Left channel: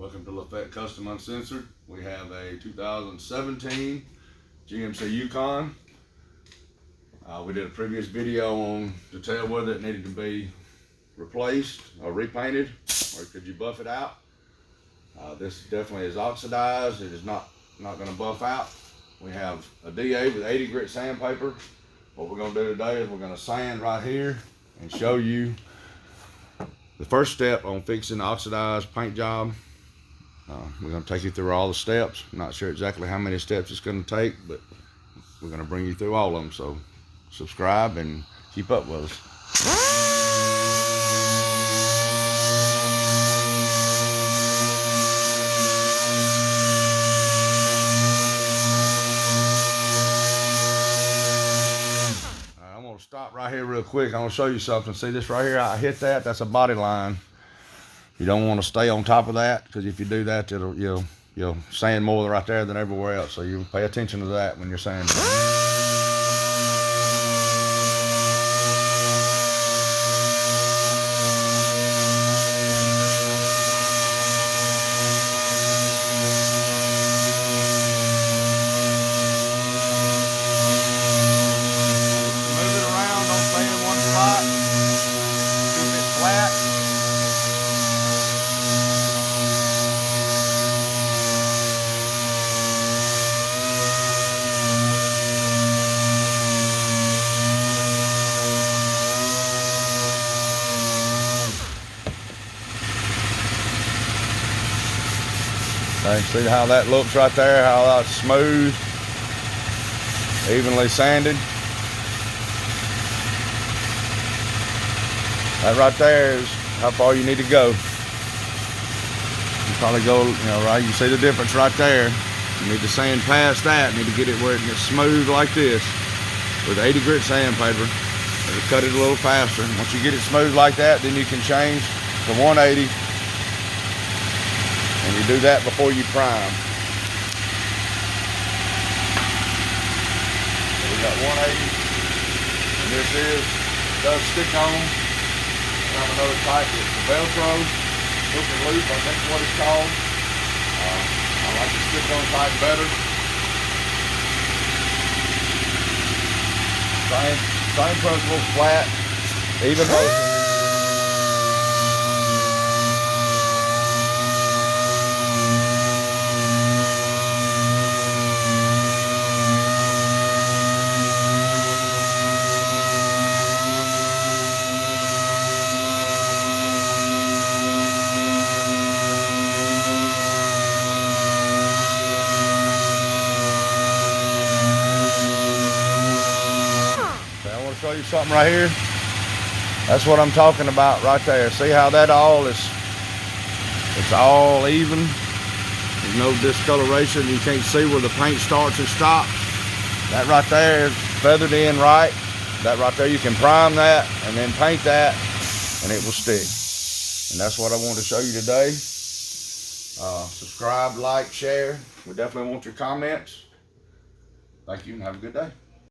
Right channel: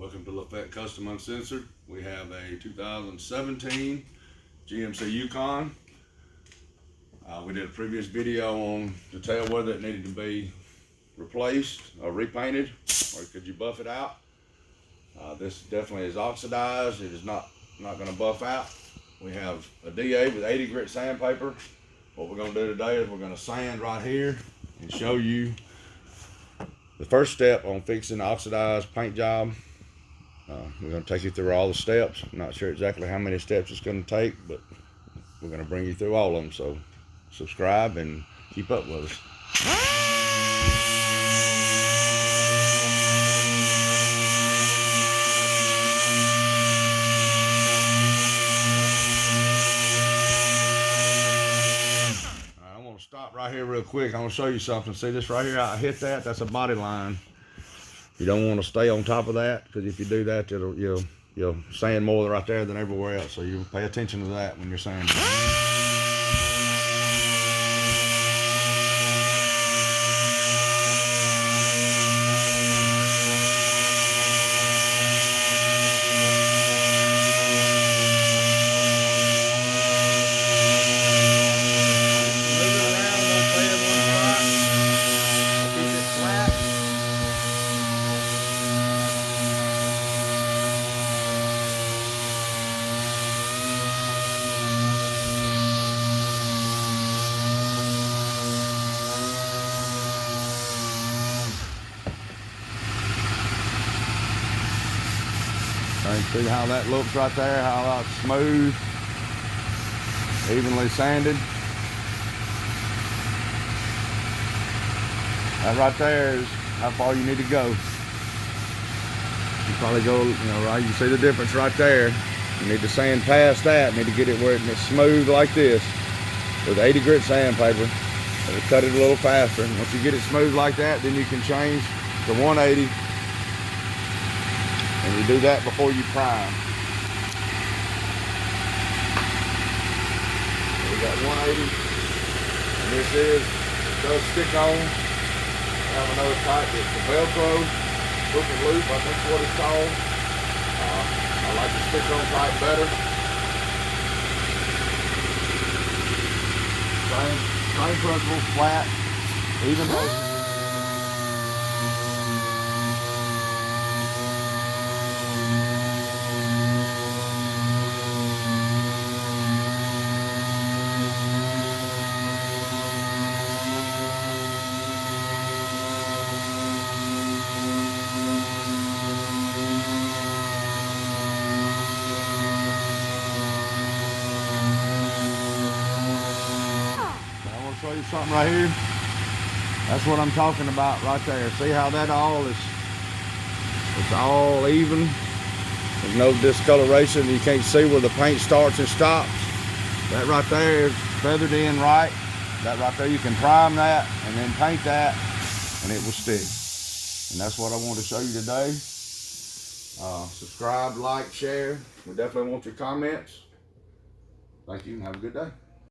Welcome to Lafette Custom Uncensored. We have a 2017 GMC Yukon. We did a previous video on to tell whether it needed to be replaced or repainted, or could you buff it out. This definitely is oxidized. It is not going to buff out. We have a DA with 80 grit sandpaper. What we're going to do today is we're going to sand right here and show you the first step on fixing the oxidized paint job. We're going to take you through all the steps. I'm not sure exactly how many steps it's going to take, but we're going to bring you through all of them. So subscribe and keep up with us. I'm going to stop right here real quick. I'm going to show you something. See this right here? I hit that. That's a body line. You don't want to stay on top of that, because if you do that, you'll sand more right there than everywhere else. So you pay attention to that when you're sanding. See how that looks right there, how that's smooth, evenly sanded. That right there is how far you need to go. You probably go, right, you see the difference right there. You need to sand past that, you need to get it where it's smooth like this with 80 grit sandpaper. It'll cut it a little faster. Once you get it smooth like that, then you can change to 180. And you do that before you prime. So we got 180, and this does stick on. I know it's tight. It's the Velcro, hook and loop, I think is what it's called. I like to stick on tight better. Same principle, flat, even motion. Show you something right here. That's what I'm talking about right there. See how that all is, it's all even. There's no discoloration. You can't see where the paint starts and stops. That right there is feathered in right. That right there, you can prime that and then paint that and it will stick. And that's what I want to show you today. Subscribe, like, share. We definitely want your comments. Thank you and have a good day.